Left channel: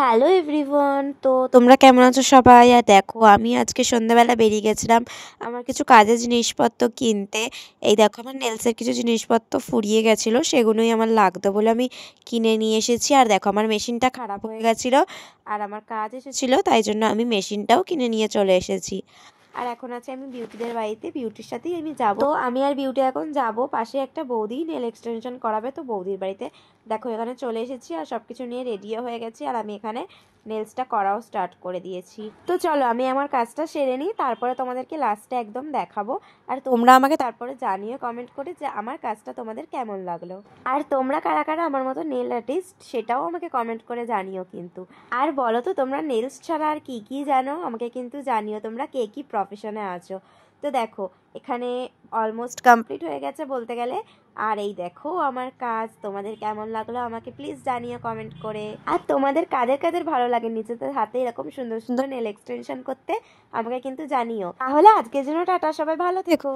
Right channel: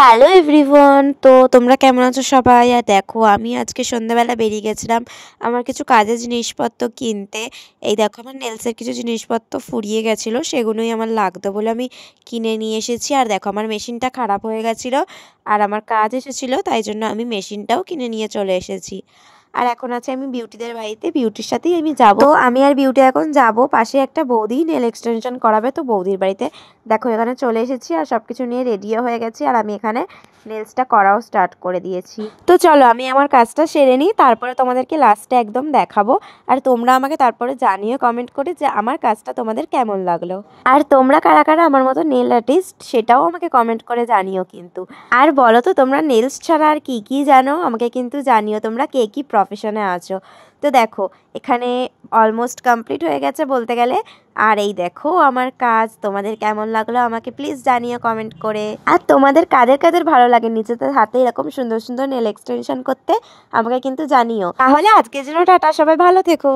Hello everyone, তো তোমরা কেমন আছো সবাই? আর দেখো আমি আজকে সন্ধ্যাবেলা বেরিয়ে গেছিলাম আমার কিছু কাজের জিনিসপত্র কিনতে। এই দেখো আমার নেলসের কিছু জিনিসপত্র ফুরিয়ে গেছিলো, সেগুলোই আমার লাগতো বলে আমি কিনে নিয়ে এসেছি। আর দেখো আমার মেশিনটা খারাপ হয়ে গেছিলো আর আমার কাজ এসেছিলো, তাই জন্য আমি মেশিনটাও কিনে নিয়ে চলে এসেছি। আর এখন আছে আমি বিউটিদের বাড়িতে, বিউটির সাথেই আমি যাব। তো আমি আর বিউটি এখন যাব, পাশে একটা বৌদি নেল এক্সটেনশন করাবে, তো বৌদির বাড়িতে। দেখো এখানে চলে এসেছি আর সব কিছু নিয়ে রেডিও হয়ে গেছি, আর আমি এখানে নেলসটা করাও স্টার্ট করে দিয়েছি। তো চলো আমি আমার কাজটা সেরে নিই, তারপরে তোমাদেরকে লাস্টে একদম দেখাবো। আর তোমরা আমাকে তারপরে জানিও কমেন্ট করে যে আমার কাজটা তোমাদের কেমন লাগলো। আর তোমরা কারা কারা আমার মতো নেল আর্টিস্ট সেটাও আমাকে কমেন্ট করে জানিও কিন্তু। আর বলো তো তোমরা নেলস ছাড়া আর কী কী জানো, আমাকে কিন্তু জানিও তোমরা কে কী প্রফেশনে আছো। তো দেখো এখানে অলমোস্ট কমপ্লিট হয়ে গেছে বলতে গেলে। আর এই দেখো আমার কাজ তোমাদের কেমন লাগলো আমাকে প্লিজ জানিও কমেন্ট করে। আর তোমাদের কাদের কাদের ভালো লাগে নিজেদের হাতে এরকম সুন্দর সুন্দর নেল এক্সটেনশন করতে আমাকে কিন্তু জানিও। তাহলে আজকের জন্য টাটা, সবাই ভালো থেকো।